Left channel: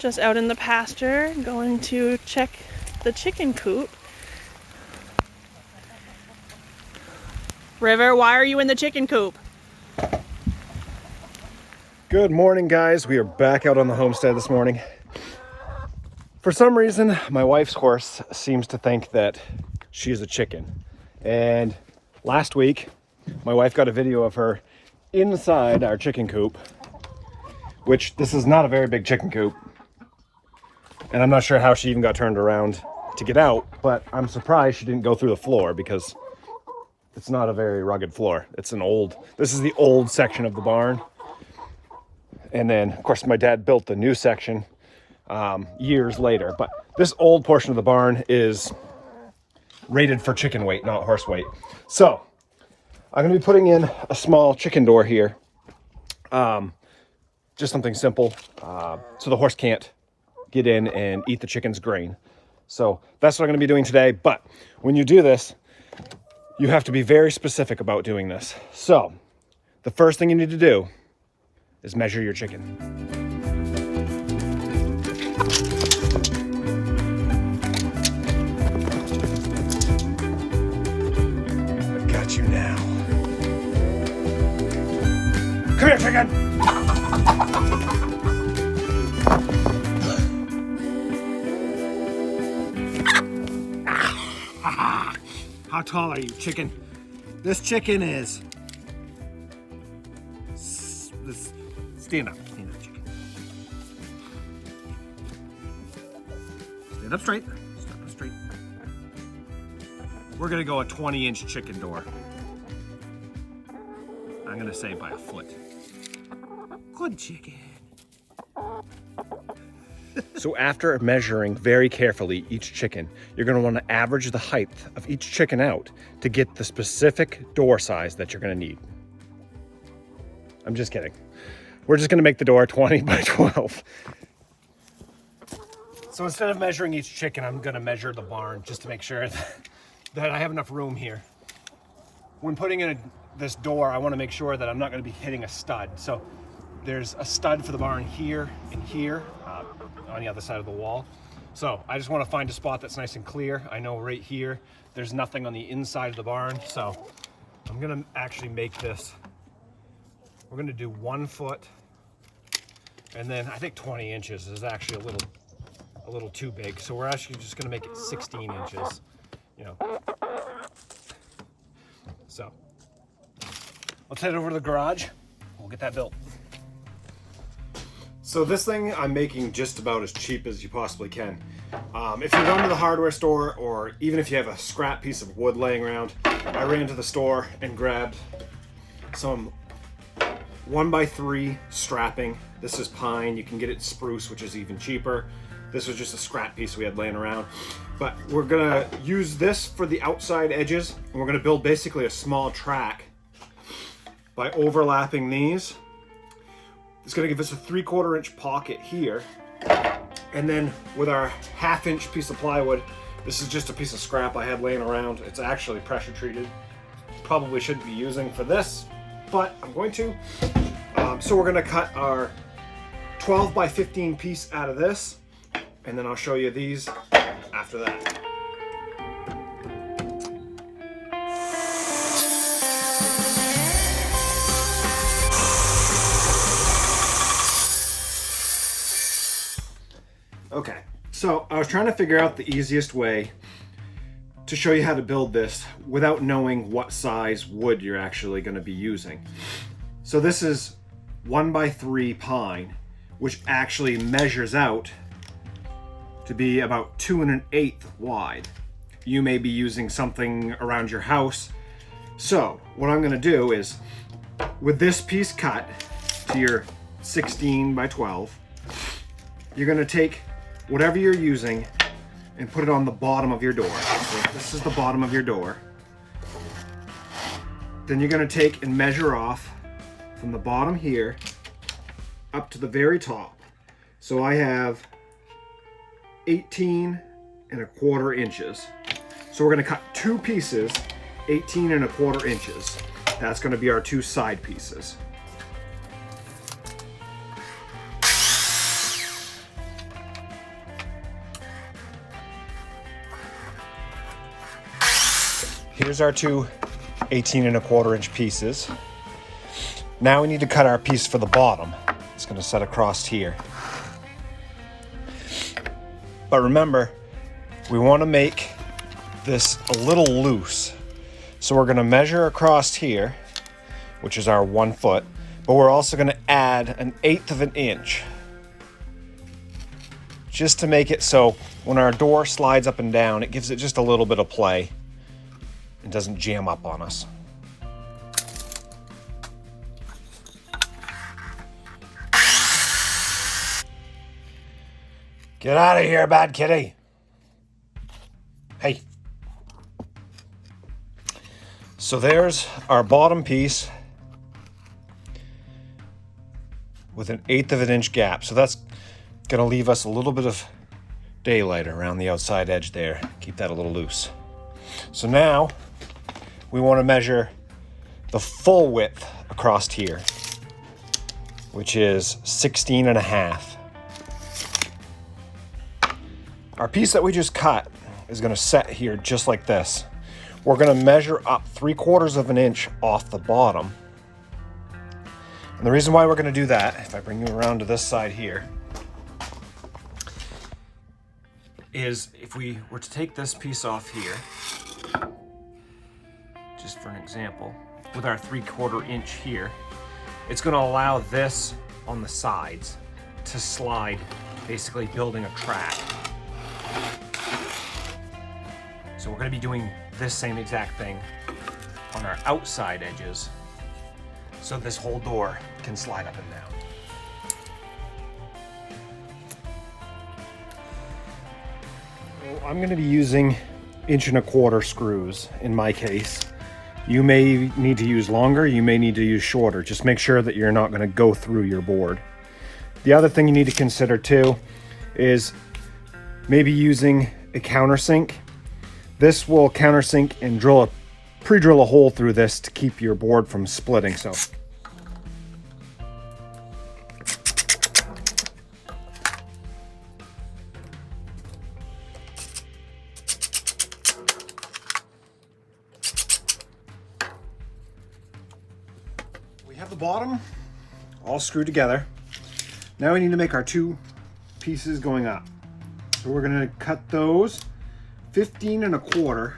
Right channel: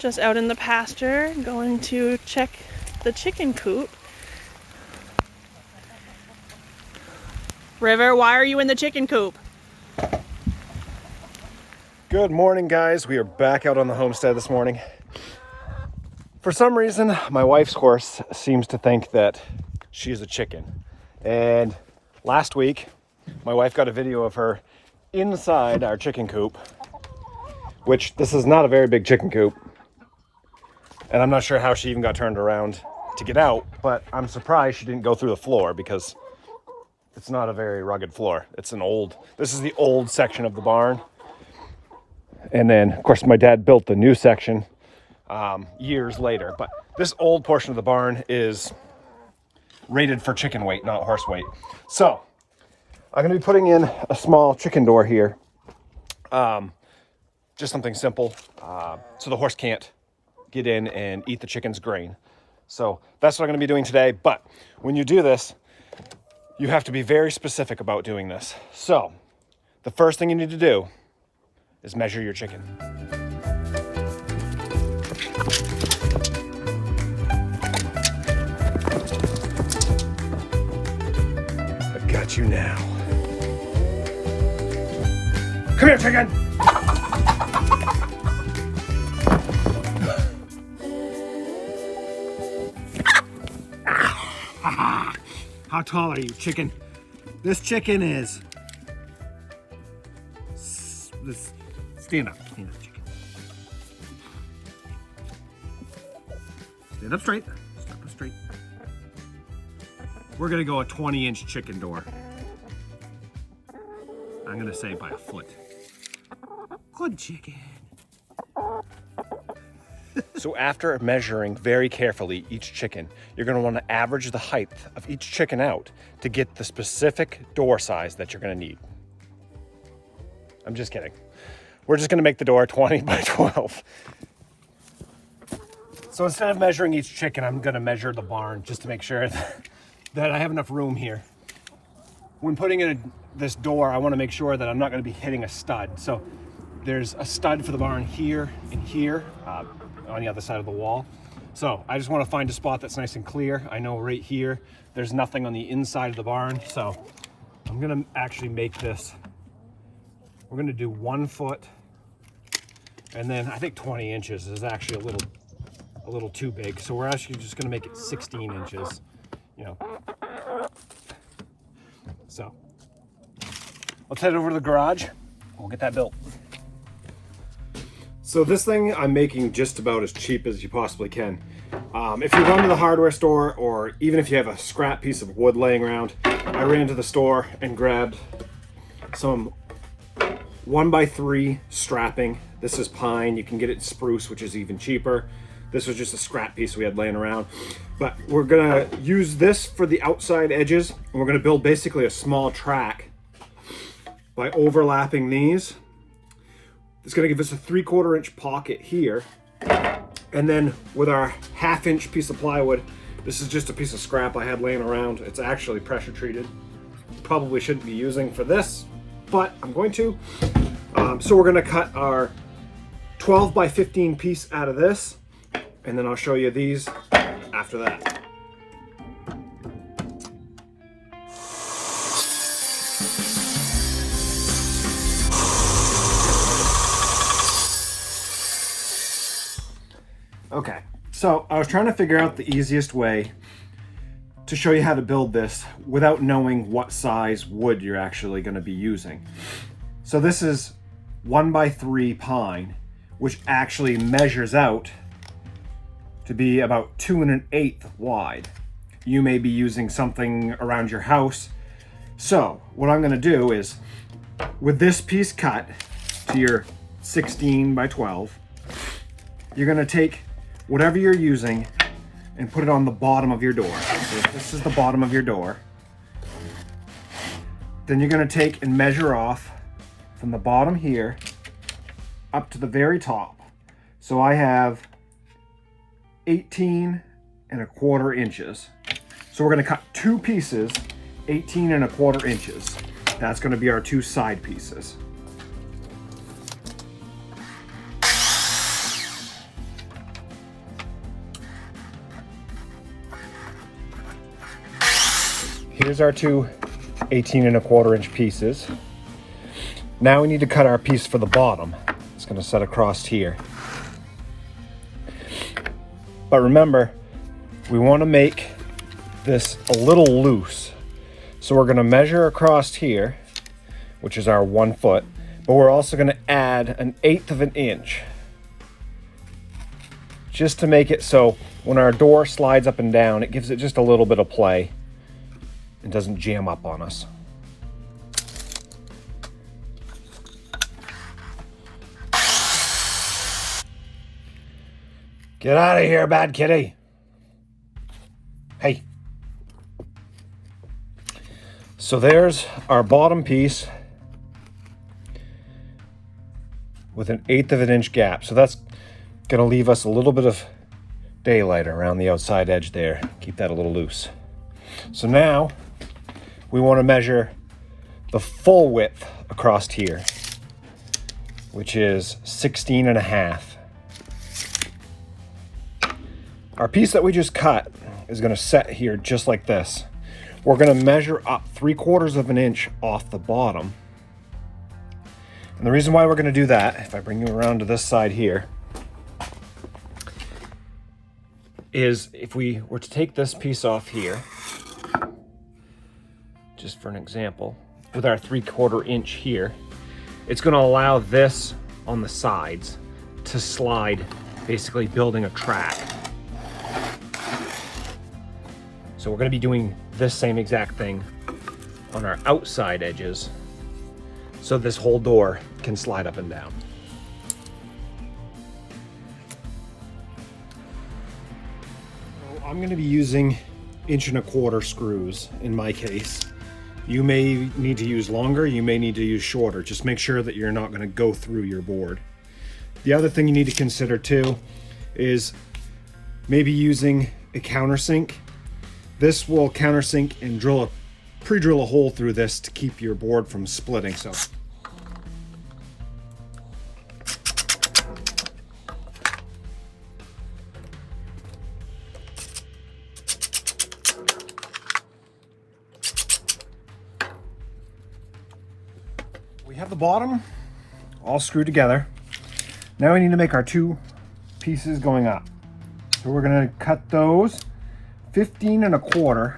Just out in the pasture, going to check the chicken coop. River, why are you in the chicken coop? Good morning, guys. We are back out on the homestead this morning. For some reason, my wife's horse seems to think that she is a chicken. And last week, my wife got a video of her inside our chicken coop, which this is not a very big chicken coop. And I'm not sure how she even got turned around to get out, but I'm surprised she didn't go through the floor because it's not a very rugged floor. This is the old section of the barn. And then, of course, my dad built the new section years later. But this old portion of the barn is rated for chicken weight, not horse weight. So I'm going to be putting in a small chicken door here. Just something simple so the horse can't get in and eat the chicken's grain. So that's what I'm going to be doing today. But when you do this, you have to be very specific about doing this. So the first thing you need to do is measure your chicken. I've got you now. Come here, chicken. How tall are you, chicken? This chicken is... Stand up, chicken. Stand up straight. Stand up straight. We're gonna go a 20-inch chicken door. I'm gonna say by a foot. Good chicken. So after measuring very carefully each chicken, you're gonna wanna average the height of each chicken out to get the specific door size that you're gonna need. I'm just kidding. We're just gonna make the door 20 by 12. So instead of measuring each chicken, I'm gonna measure the barn just to make sure that I have enough room here. When putting in this door, I wanna make sure that I'm not gonna be hitting a stud. So there's a stud for the barn here and here on the other side of the wall. So I just wanna find a spot that's nice and clear. I know right here, there's nothing on the inside of the barn. So I'm gonna actually make this, we're gonna do 1 foot. And then I think 20 inches is actually a little too big. So we're actually just gonna make it 16 inches, you know. So let's head over to the garage. We'll get that built. So this thing I'm making just about as cheap as you possibly can. If you run to the hardware store, or even if you have a scrap piece of wood laying around, I ran to the store and grabbed some 1x3 strapping. This is pine. You can get it in spruce, which is even cheaper. This was just a scrap piece we had laying around. But we're gonna use this for the outside edges, and we're gonna build basically a small track by overlapping these. It's gonna give us a 3/4 inch pocket here. And then with our 1/2 inch piece of plywood, this is just a piece of scrap I had laying around. It's actually pressure treated. Probably shouldn't be using for this, but I'm going to. So we're gonna cut our 12 by 15 piece out of this, and then I'll show you these after that. Okay, so I was trying to figure out the easiest way to show you how to build this without knowing what size wood you're actually gonna be using. So this is 1x3 pine, which actually measures out to be about 2 1/8 wide. You may be using something around your house. So what I'm gonna do is, with this piece cut to your 16 by 12, you're gonna take whatever you're using and put it on the bottom of your door. So this is the bottom of your door. Then you're gonna take and measure off from the bottom here up to the very top. So I have 18 1/4 inches. So we're gonna cut 2 pieces, 18 1/4 inches. That's gonna be our 2 side pieces. here's our two 18¼ inch pieces. Now we need to cut our piece for the bottom. It's going to set across here. But remember, we want to make this a little loose. So we're going to measure across here, which is our 1 foot, but we're also going to add 1/8 inch just to make it so when our door slides up and down, it gives it just a little bit of play and doesn't jam up on us. Get out of here, bad kitty. Hey. So there's our bottom piece with 1/8 inch gap. So that's gonna leave us a little bit of daylight around the outside edge there. Keep that a little loose. So now we want to measure the full width across here, which is 16½. Our piece that we just cut is going to set here just like this. We're going to measure up 3/4 inch off the bottom. And the reason why we're going to do that, if I bring you around to this side here, is if we were to take this piece off here, just for an example, with our 3/4 inch here, it's going to allow this on the sides to slide, basically building a track. So we're going to be doing this same exact thing on our outside edges, so this whole door can slide up and down. I'm going to be using 1¼ screws in my case. You may need to use longer, you may need to use shorter. Just make sure that you're not going to go through your board. The other thing you need to consider too is maybe using a countersink. This will countersink and pre-drill a hole through this to keep your board from splitting. So we have the bottom all screwed together. Now we need to make our two pieces going up. So we're going to cut those 15¼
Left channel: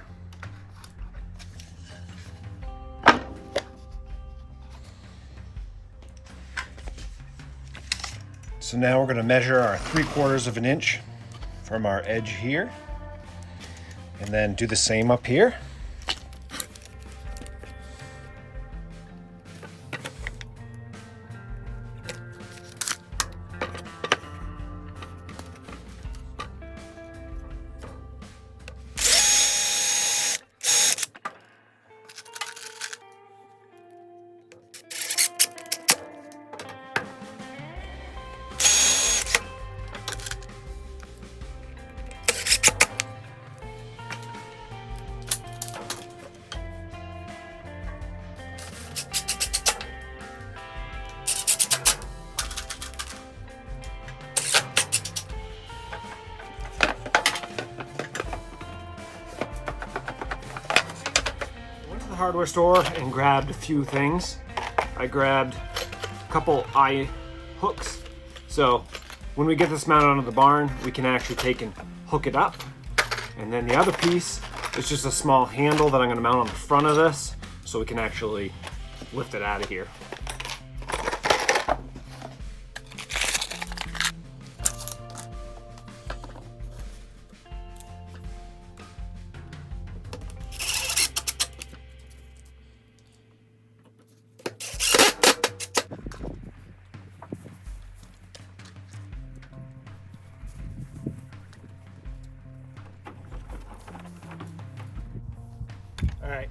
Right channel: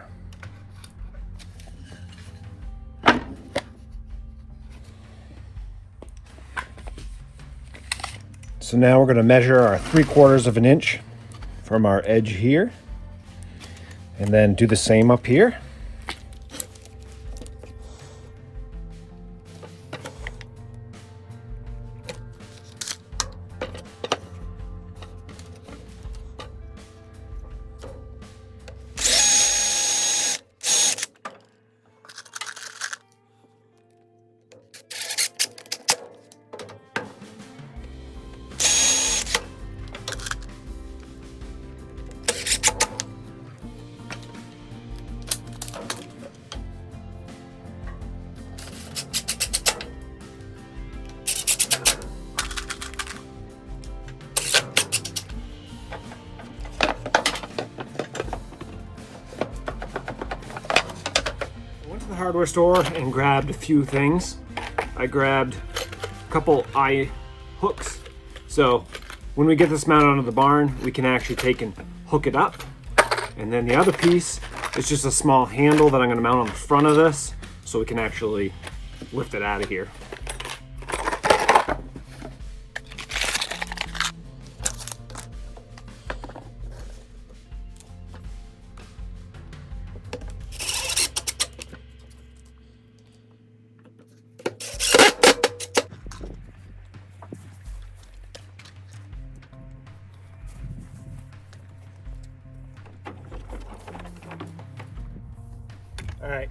So now we're going to measure our 3/4 inch from our edge here, and then do the same up here. Hardware store and grabbed a few things. I grabbed a couple eye hooks, so when we get this mounted onto the barn, we can actually take and hook it up. And then the other piece is just a small handle that I'm going to mount on the front of this, so we can actually lift it out of here. All right,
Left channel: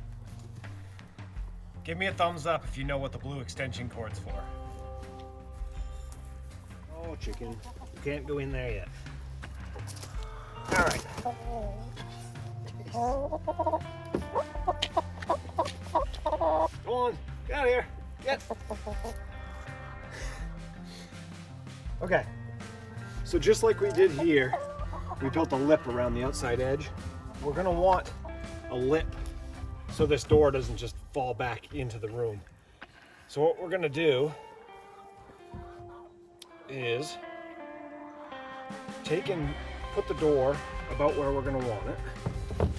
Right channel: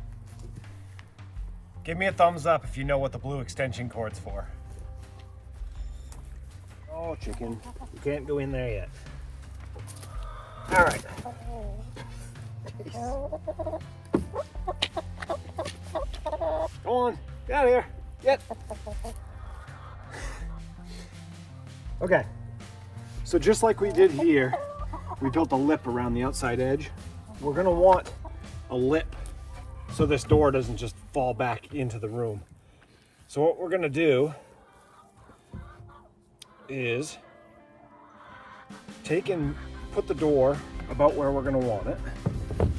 give me a thumbs up if you know what the blue extension cord's for. Oh, chicken, you can't go in there yet. All right. Go on, get out of here, get. Okay, so just like we did here, we built a lip around the outside edge. We're gonna want a lip so this door doesn't just fall back into the room. So what we're gonna do is take and put the door about where we're gonna want it. I'm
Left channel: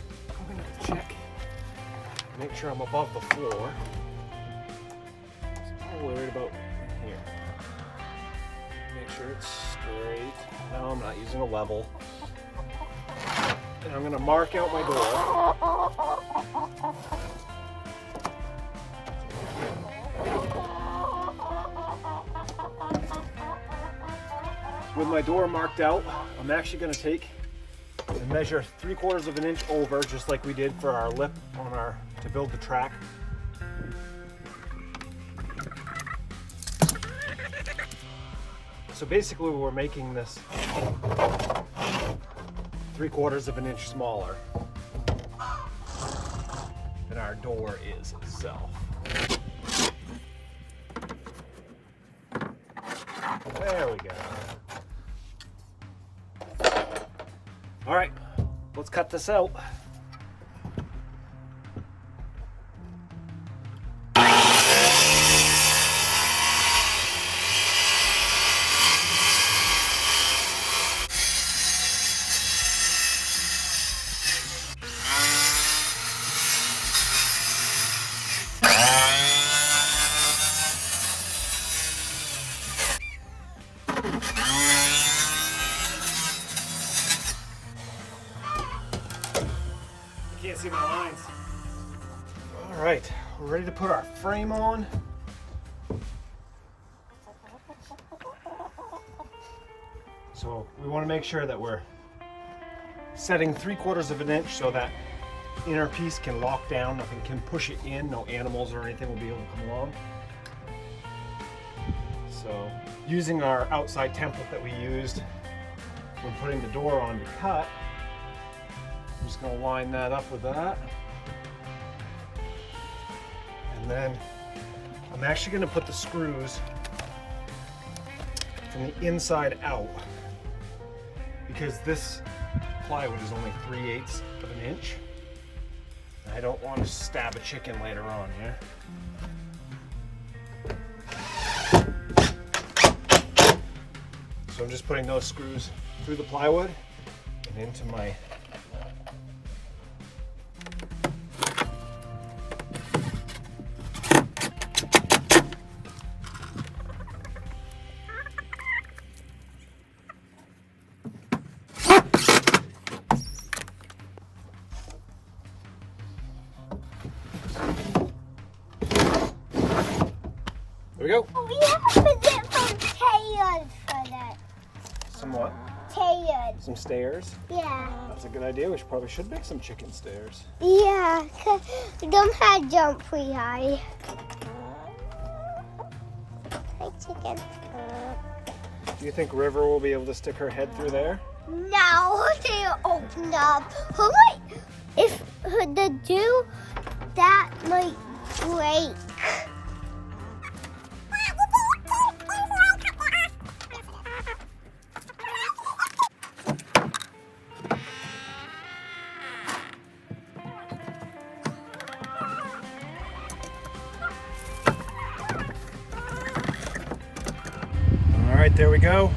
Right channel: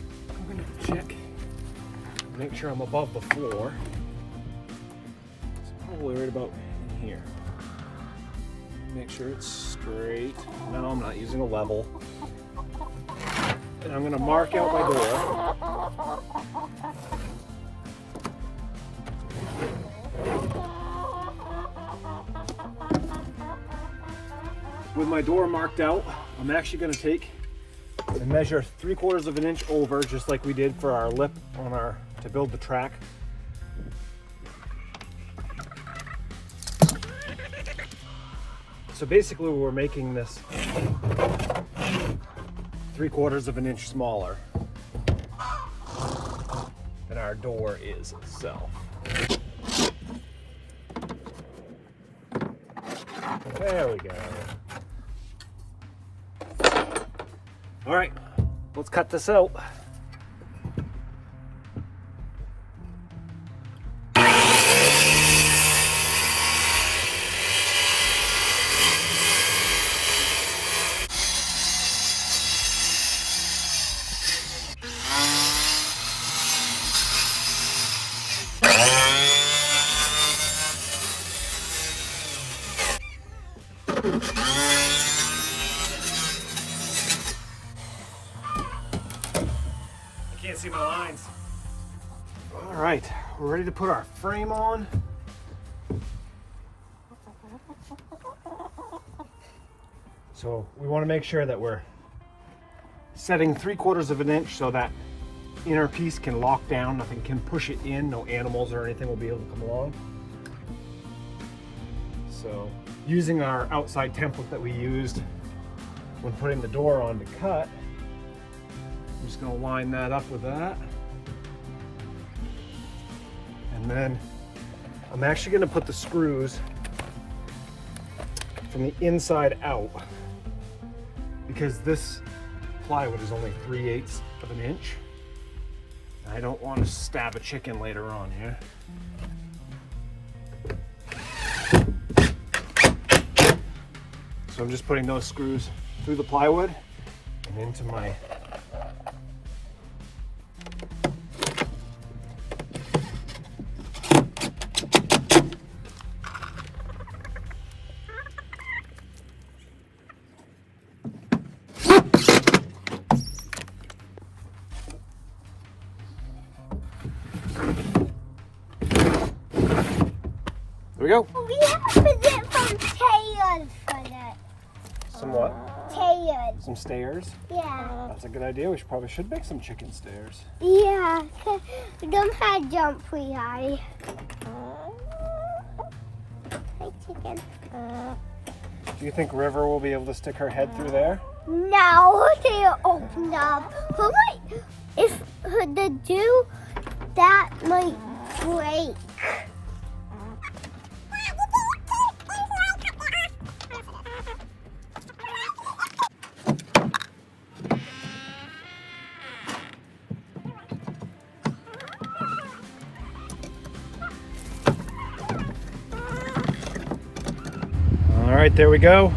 gonna check, make sure I'm above the floor. So probably right about here. Make sure it's straight. No, I'm not using a level. And I'm gonna mark out my door. With my door marked out, I'm actually gonna take and measure 3/4 of an inch over, just like we did for our lip on our, to build the track. So basically we're making this 3/4 of an inch smaller than our door is itself. There we go. All right, let's cut this out. Can't see my lines. All right, we're ready to put our frame on. So we want to make sure that we're setting 3/4 of an inch so that inner piece can lock down, nothing can push it in, no animals or anything will be able to come along. So using our outside template that we used when putting the door on to cut, I'm just going to line that up with that. And then I'm actually going to put the screws from the inside out, because this plywood is only 3/8 of an inch. I don't want to stab a chicken later on, yeah? So I'm just putting those screws through the plywood and into my There we go. We have to put some stairs for that. Some what? Stairs. Some stairs? Yeah. That's a good idea. We probably should make some chicken stairs. Yeah, because we don't have to jump pretty high. Hi, chicken. Do you think River will be able to stick her head through there? No, they open up. If they do, that might break. All right, there we go.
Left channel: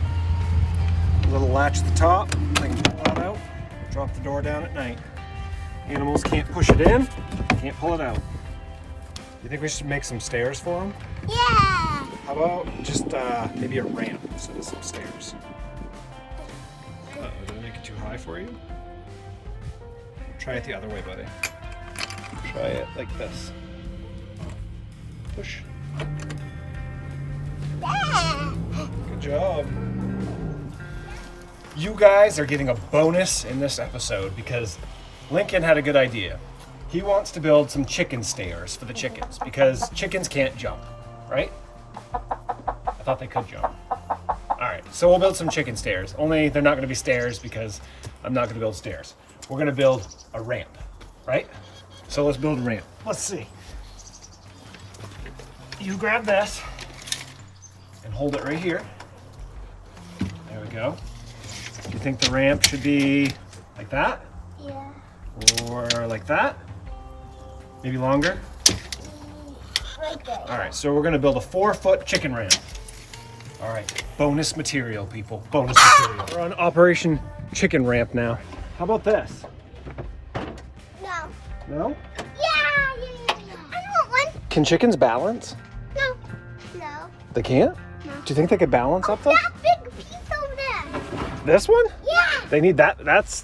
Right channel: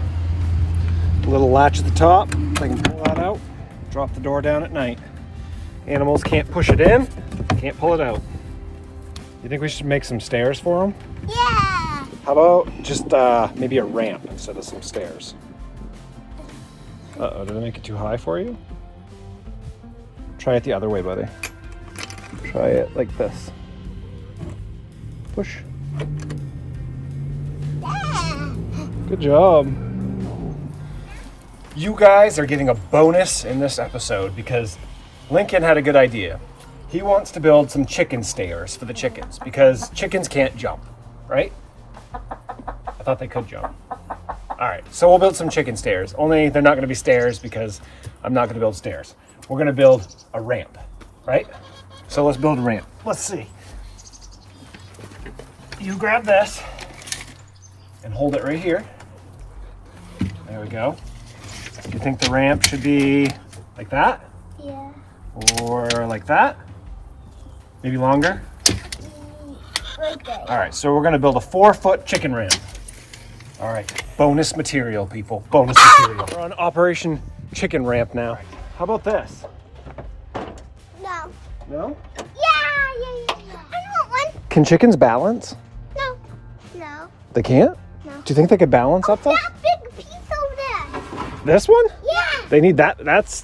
A little latch at the top. I can pull that out, drop the door down at night. Animals can't push it in, can't pull it out. You think we should make some stairs for them? Yeah. How about just maybe a ramp instead of some stairs? Uh-oh, did I make it too high for you? Try it the other way, buddy. Try it like this. Push. Good job. You guys are getting a bonus in this episode because Lincoln had a good idea. He wants to build some chicken stairs for the chickens because chickens can't jump, right? I thought they could jump. All right, so we'll build some chicken stairs. Only they're not going to be stairs because I'm not going to build stairs. We're going to build a ramp, right? So let's build a ramp. Let's see. You grab this and hold it right here. There we go. Do you think the ramp should be like that? Yeah. Or like that? Maybe longer? Right there. All right, so we're gonna build a 4-foot chicken ramp. All right, bonus material, people, bonus material. We're on Operation Chicken Ramp now. How about this? No. No? Yeah. I want one. Can chickens balance? No. No. They can't? No. Do you think they could balance up there? That big piece over there. This one? Yeah. They need that. That's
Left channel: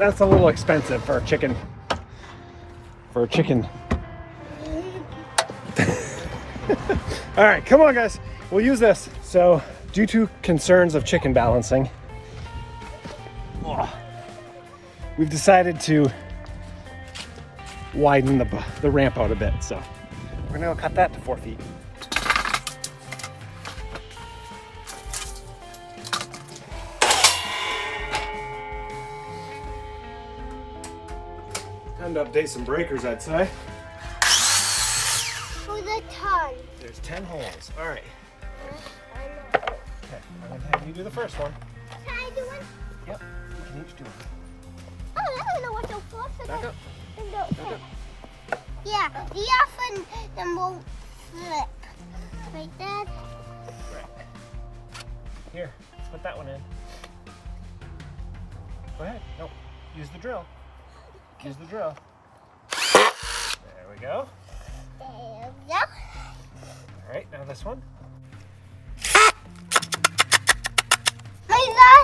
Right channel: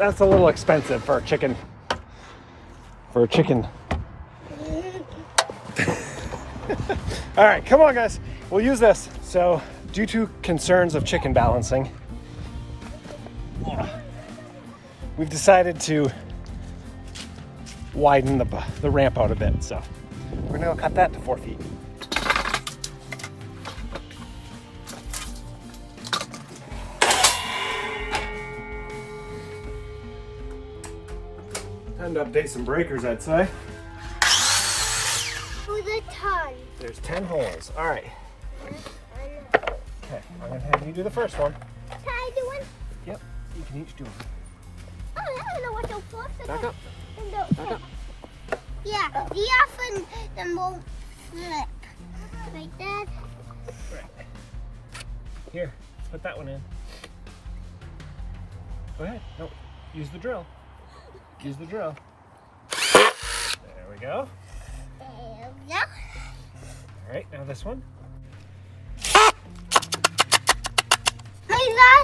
a little expensive for a chicken. For a chicken. All right, come on, guys. We'll use this. So, due to concerns of chicken balancing, we've decided to widen the ramp out a bit. So, we're gonna go cut that to 4 feet. Time to update some breakers, I'd say. Who's a ton? There's 10 holes. All right. Okay, I'm gonna have you do the first one. Can I do one? Yep, you can each do one. Oh, I don't know what those forks are. Back up. Yeah, the often the won't slip. Like that. Right. Here, put that one in. Go ahead. No, use the drill. Use the drill. There we go. There we go. All right, now this one.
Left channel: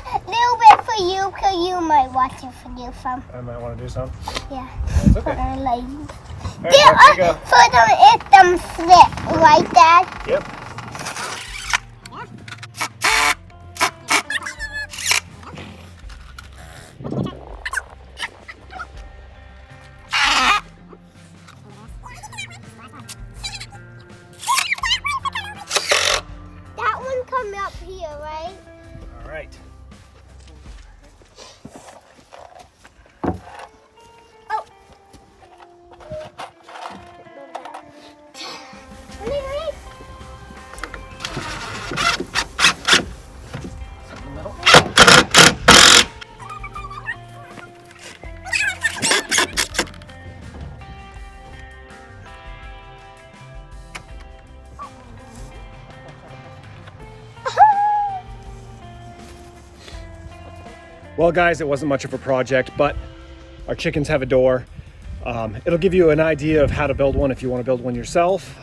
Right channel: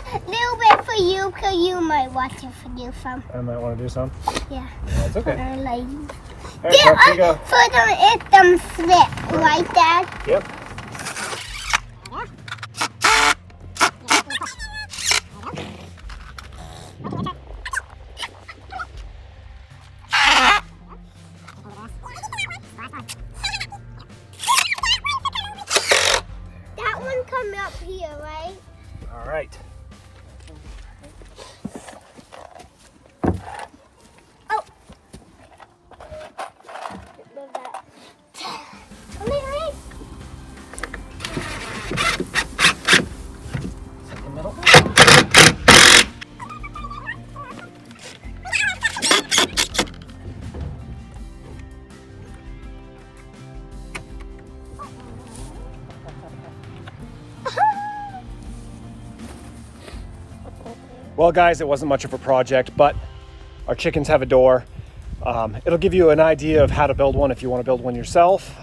A little bit for you, because you might want to do some. I might want to do some. Yeah. That's okay. Like, All right, Park, here you go. for them, if them slip like that. Yep. That one come up here, right? All right. Well, guys, it wasn't much of a project, but our chickens have a door. It'll give you an idea of how to build one if you want to build one yourself,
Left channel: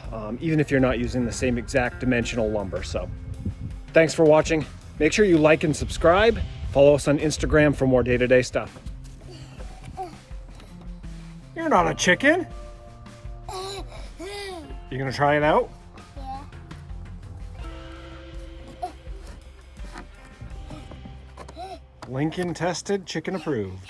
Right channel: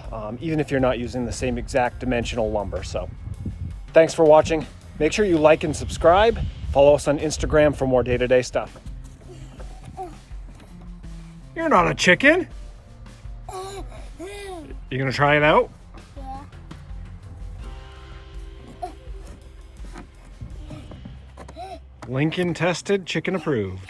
even if you're not using the same exact dimensional lumber. So thanks for watching. Make sure you like and subscribe. Follow us on Instagram for more day-to-day stuff. You're not a chicken. You gonna try it out? Yeah. Lincoln tested, chicken approved.